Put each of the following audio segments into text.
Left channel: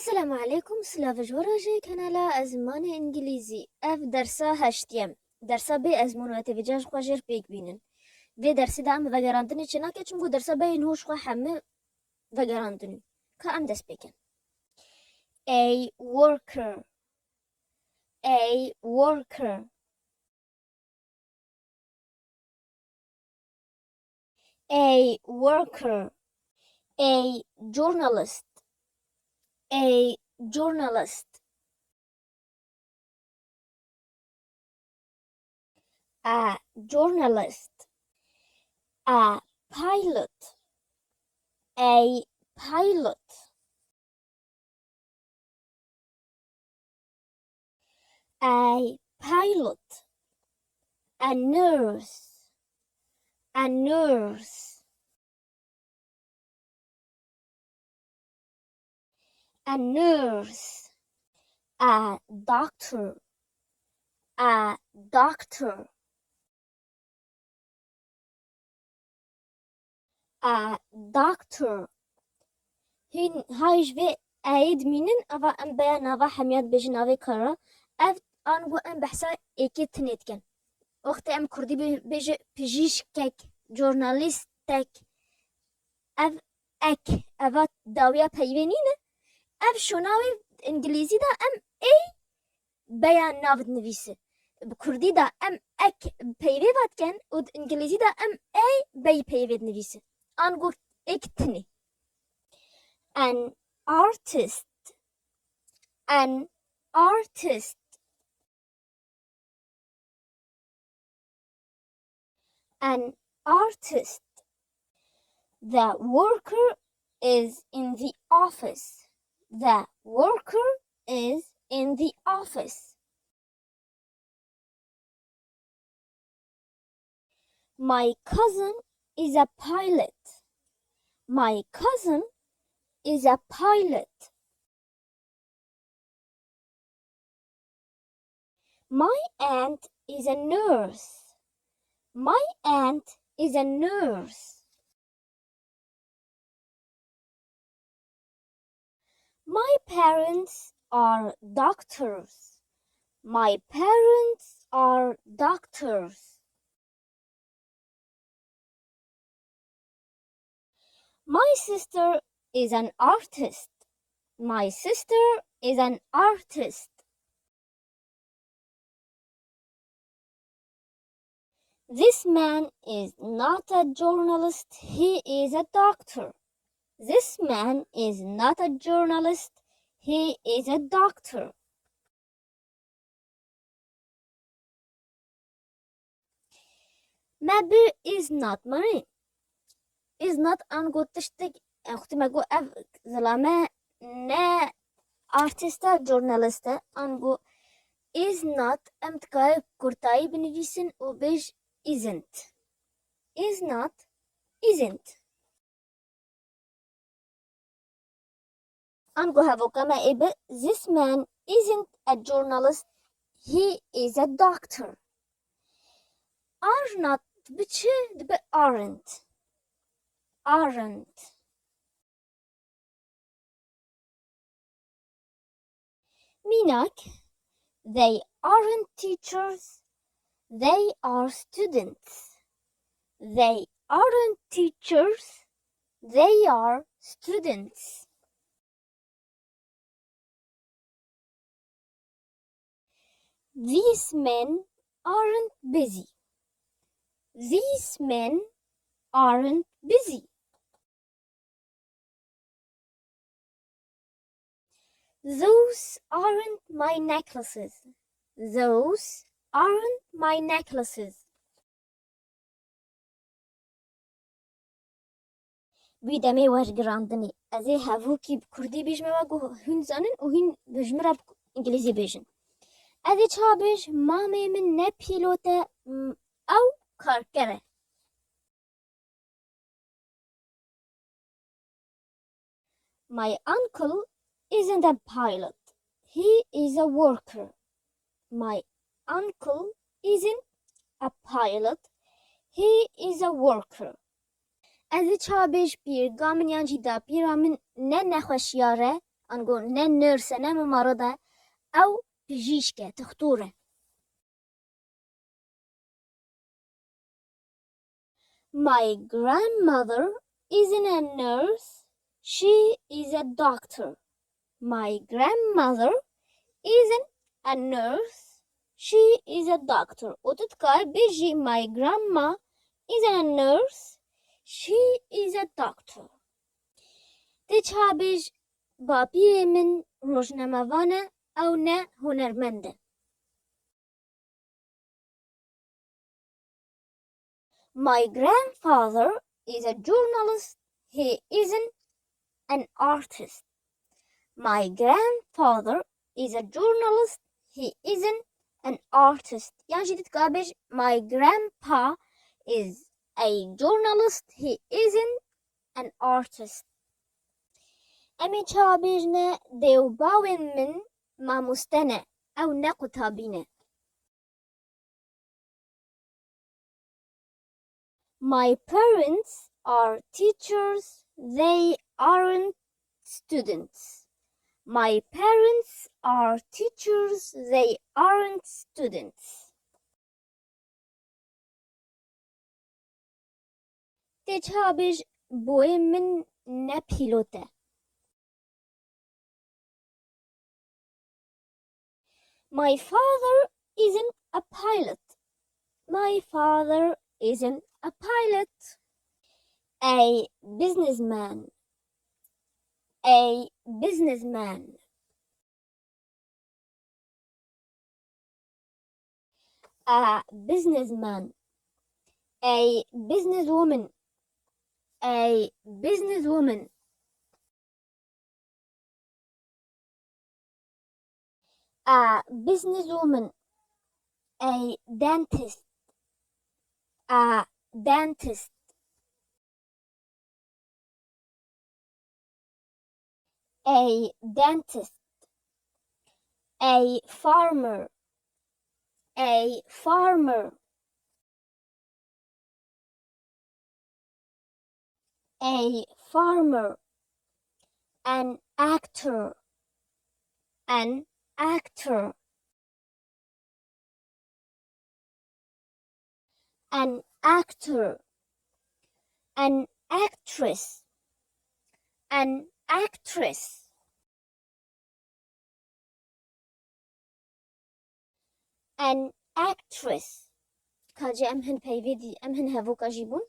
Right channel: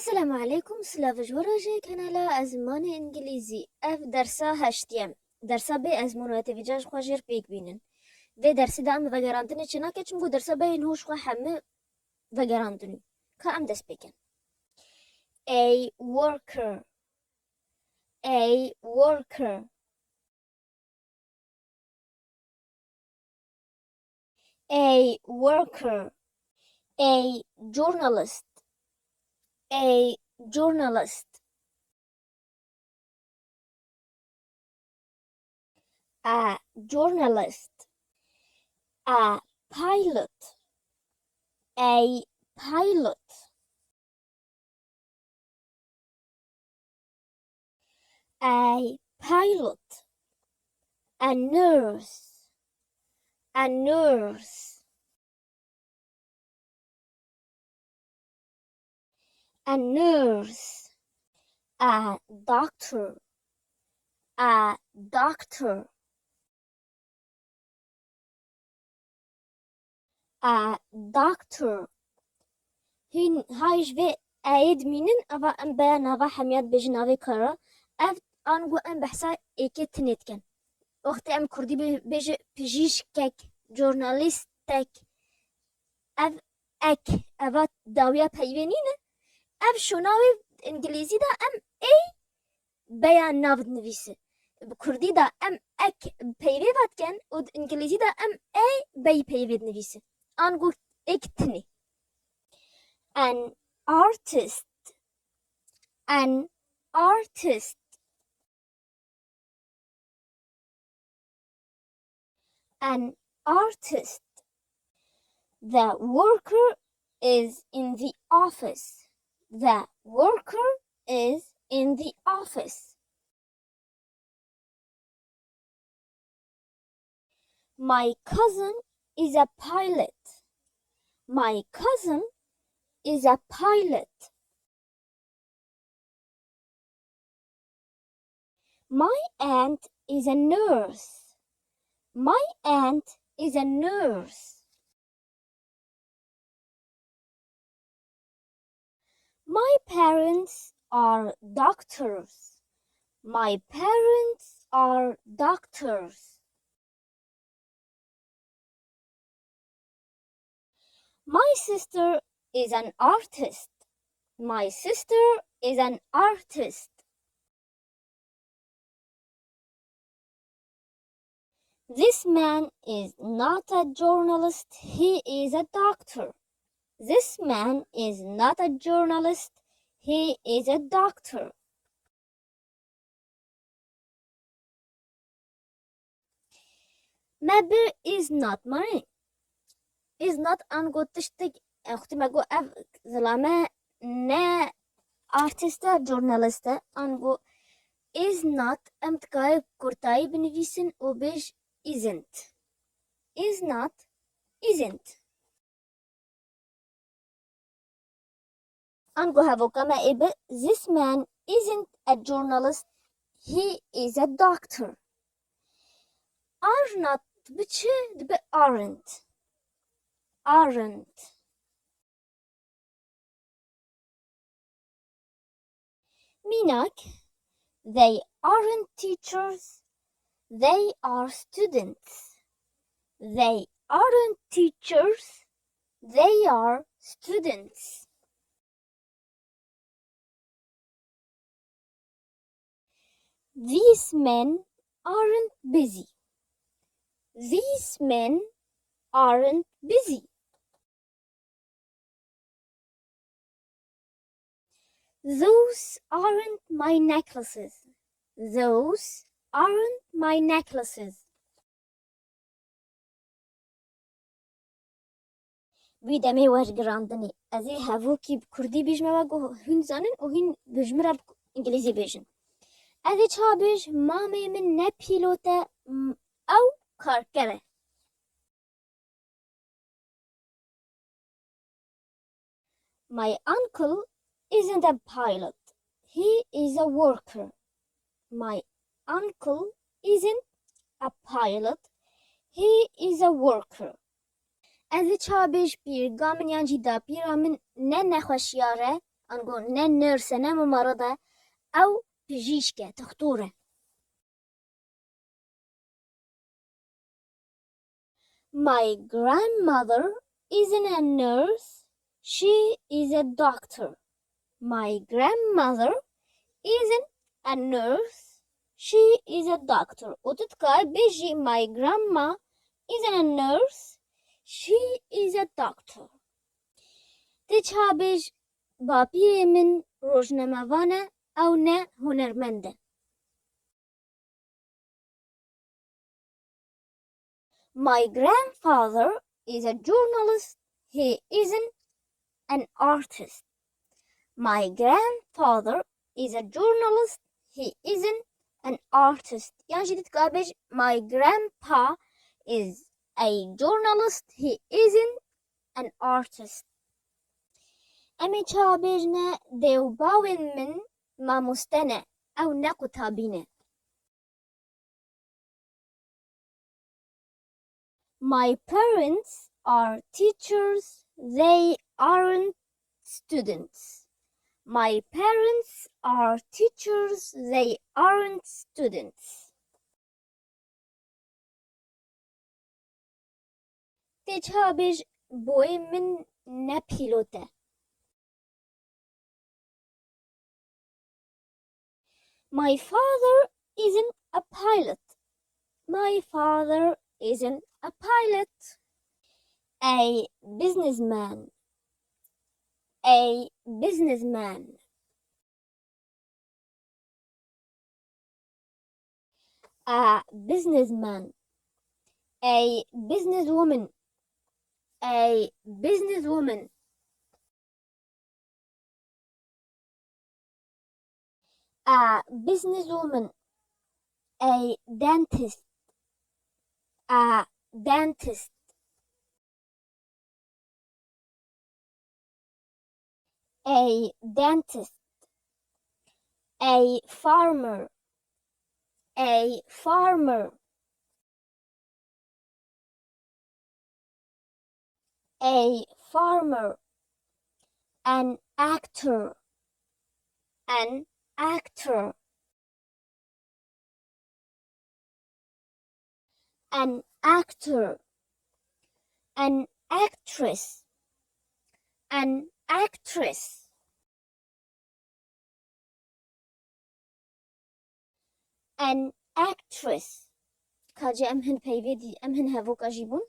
السلام عليكم. سلاف جوراجي كنالا زمانê انجليزي اف درسا هشتیم درسا بی از منوات ویجاج خواجر بیگ بینن و درسی دام وگراندنی چنا که چمگو درسا بین هوش خوا همه وگراندنی که ام دست بیکن. A worker, a worker, a worker, a journalist, a journalist, a journalist, a pilot, a pilot, a pilot, a nurse, a nurse, a nurse, a doctor, a doctor, a doctor. هین هایش و عید مینن اوا ام بیان اوا حمیات بجناوی کارا اف آنگو ام بحثا ایکی تنید کن وقت ام کردی بجه پژیشکک جورنالیستک اف اک اوا داویا پیوینینه اف شناوی انگلیزی دا ام ای بیان ناود نویسه بکردی دا ام اک پیوی بات کن و انگلیزی دا ام ای بی پیوید نویسه آنگو ایک تنی. An artist, an artist, an artist. The worker is in the office. The worker is in the office. My cousin is a pilot. My cousin is a pilot. My aunt is a nurse. My aunt is a nurse. My parents are doctors. My parents are doctors. My sister is an artist. My sister is an artist. This man is not a journalist, he is a doctor. This man is not a journalist, he is a doctor. Maybe is not money. Is not angotishtik اختی مگو اف ظلامه نه artista journalista انگو is not امتکای کرتایی بنویسن و بیش isn't. Is not, isn't. انگو هفو کما ایبه this man isn't a journalist, he is a doctor. Are not بچه دبه aren't. Aren't. Minak, they aren't teachers, they are students. They aren't teachers, they are students. These men aren't busy. These men aren't busy. Those aren't my necklaces. Those aren't my necklaces. بیدمی ورگراندنی ازی هفو کی کردی بیجمه و گو هین زنن و هین بجمره انگلیزی بیجن ازی چا بیج مامه من نه پیلوته او کارکره. My uncle isn't a pilot. He is a worker. My uncle isn't a pilot. He is a worker. از چا بیش پیر گامن یانجی دا پیرا من نه نخوشیاره أنقول نه نيرس نه ممرضة أو بجيشكة تختوره. My grandmother isn't a nurse, she is a doctor. My grandmother isn't a nurse, she is a doctor. وتذكر بيجي my grandma isn't a nurse, she is a doctor. تجها بيج بابي من روجنموانه أو نه هنرمنده. My grandfather is a journalist, he isn't an artist. My grandfather is a journalist, he isn't an artist. يعني جديد كابج my grandpa is a journalist, he isn't an artist. أمي كابجنا ديوباوين من ما مستنى أو نكتابينه. My parents are teachers, they aren't students. My parents are teachers, they aren't students. تجابج بوي من نبيلوته. My father isn't a pilot. My father isn't a pilot. A businessman. A businessman. A businessman. A businesswoman. A businesswoman. A businesswoman. A dentist. A dentist. A dentist. A farmer. A farmer. A farmer. An actor. An actor. An actor. An actress. An actress. An actress. كاجي أمهن بيفيدي أمهن هفو كاجيبون.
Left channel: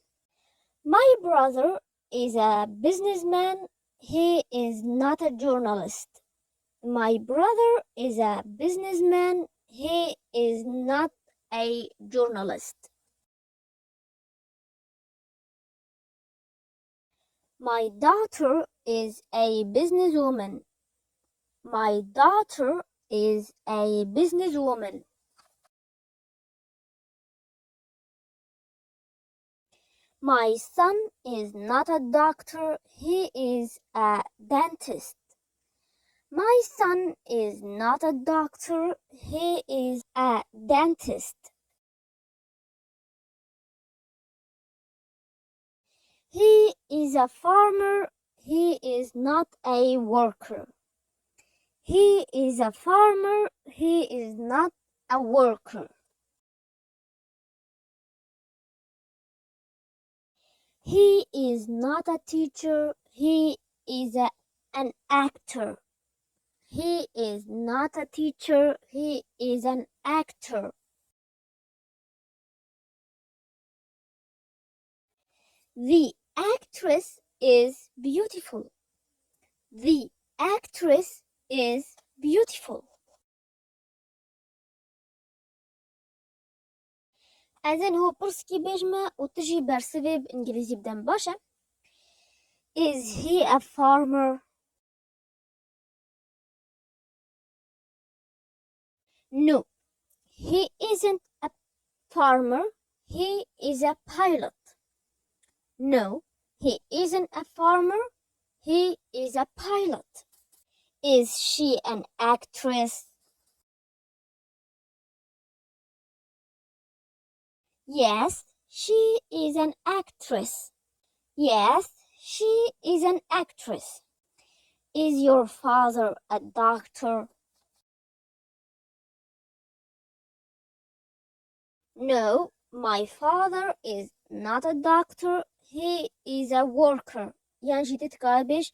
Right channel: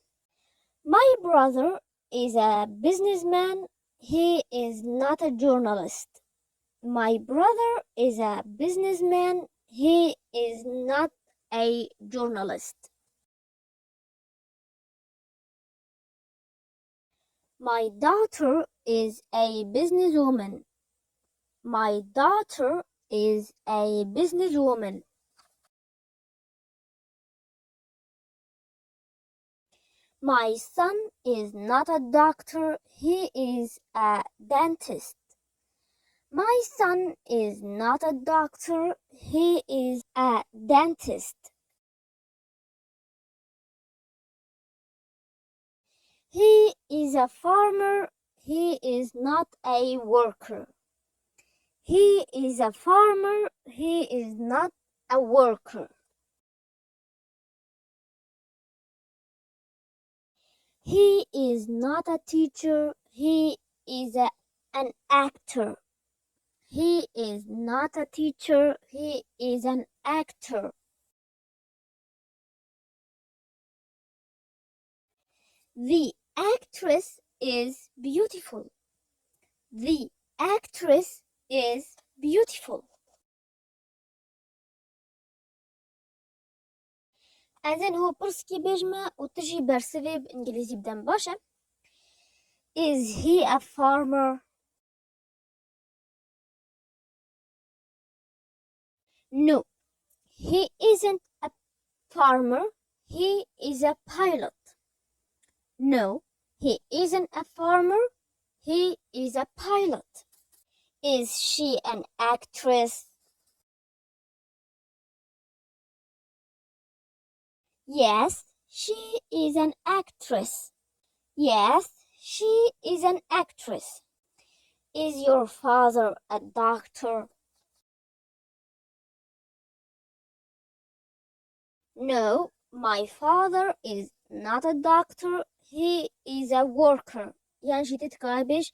My brother is a businessman. He is not a journalist. My brother is a businessman. He is not a journalist. My daughter is a businesswoman. My daughter is a businesswoman. My son is not a doctor. He is a dentist. My son is not a doctor. He is a dentist. He is a farmer. He is not a worker. He is a farmer. He is not a worker. He is not a teacher. He is an actor. He is not a teacher. He is an actor. The actress is beautiful. The actress is beautiful. أذن هو برسكي بيجمع وتجي برسفي بإنجليزي بدن باشا. Is he a farmer? No, he isn't a farmer. He is a pilot. No, he isn't a farmer. He is a pilot. Is she an actress? Yes, she is an actress. Yes, she is an actress. Is your father a doctor? No, my father is not a doctor. He is a worker. يعني جيت تقابش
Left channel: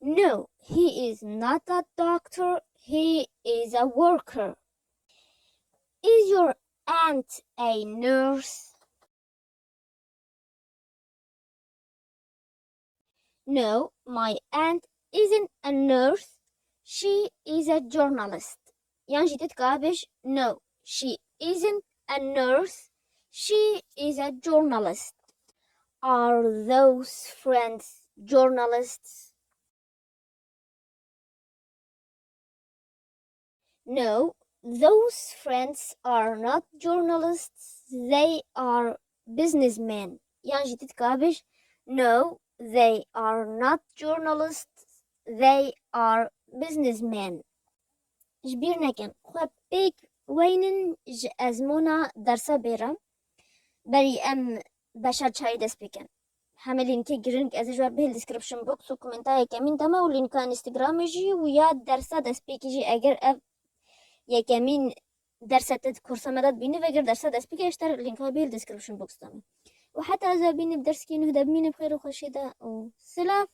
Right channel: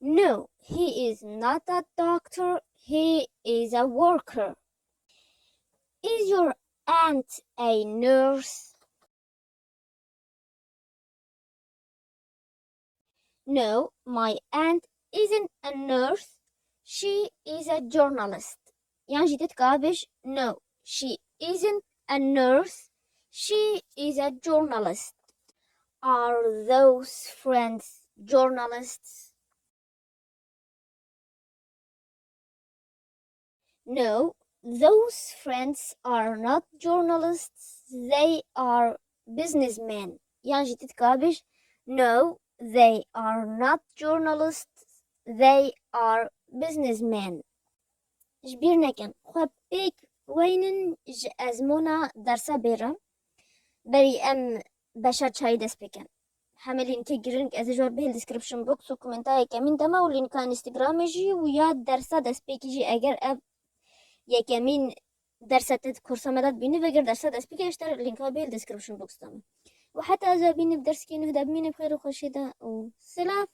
No, he is not a doctor. He is a worker. Is your aunt a nurse? No, my aunt isn't a nurse. She is a journalist. يعني جيت تقابش No, she isn't a nurse. She is a journalist. Are those friends journalists? No, those friends are not journalists. They are businessmen. يعني جيت تقابش No, they are not journalists. They are businessmen. جبيرنا كان خواب بيك وينن أزمونا درسا بيرم بري أم باشا چای دست بکن همه لینکی گرنگ از جواب به دیسکریپشن بوکس و کومنتای کمین دما و لینکا اینستاگرام جی و یا درسا دست بکی جی اگر اب یکمین درسا تد کورسا مدد بینه و اگر درسا دست بکی اشتر لینکا به دیسکریپشن بوکس دما و حتی از بینه بدرس که نهدب مینه بخیر و خوشیده و سلام.